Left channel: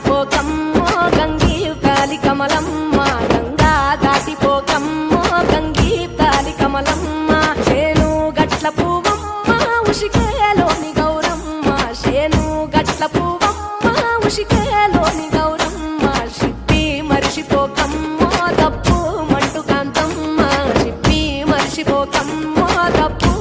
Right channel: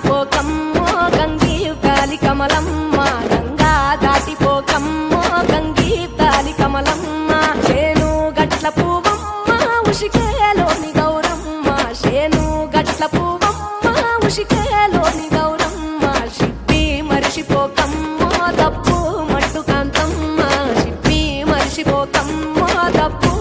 దాటిపోకమ్మో గంగీ తాలి కమలమ్మ గంగా దాటిపోకమ్మో గంగీ తాలి కమలమ్మ చేను గట్ల పువ్వమ్మ ఉషికేలోని గౌరమ్మ చేను గట్ల పువ్వమ్మ ఉషికేలోని గౌరమ్మ షిప్పి మరిషిపోకమ్మో తప్పు మంటు కాంతమ్మ షిప్పి మరిషిపోకమ్మో తప్పు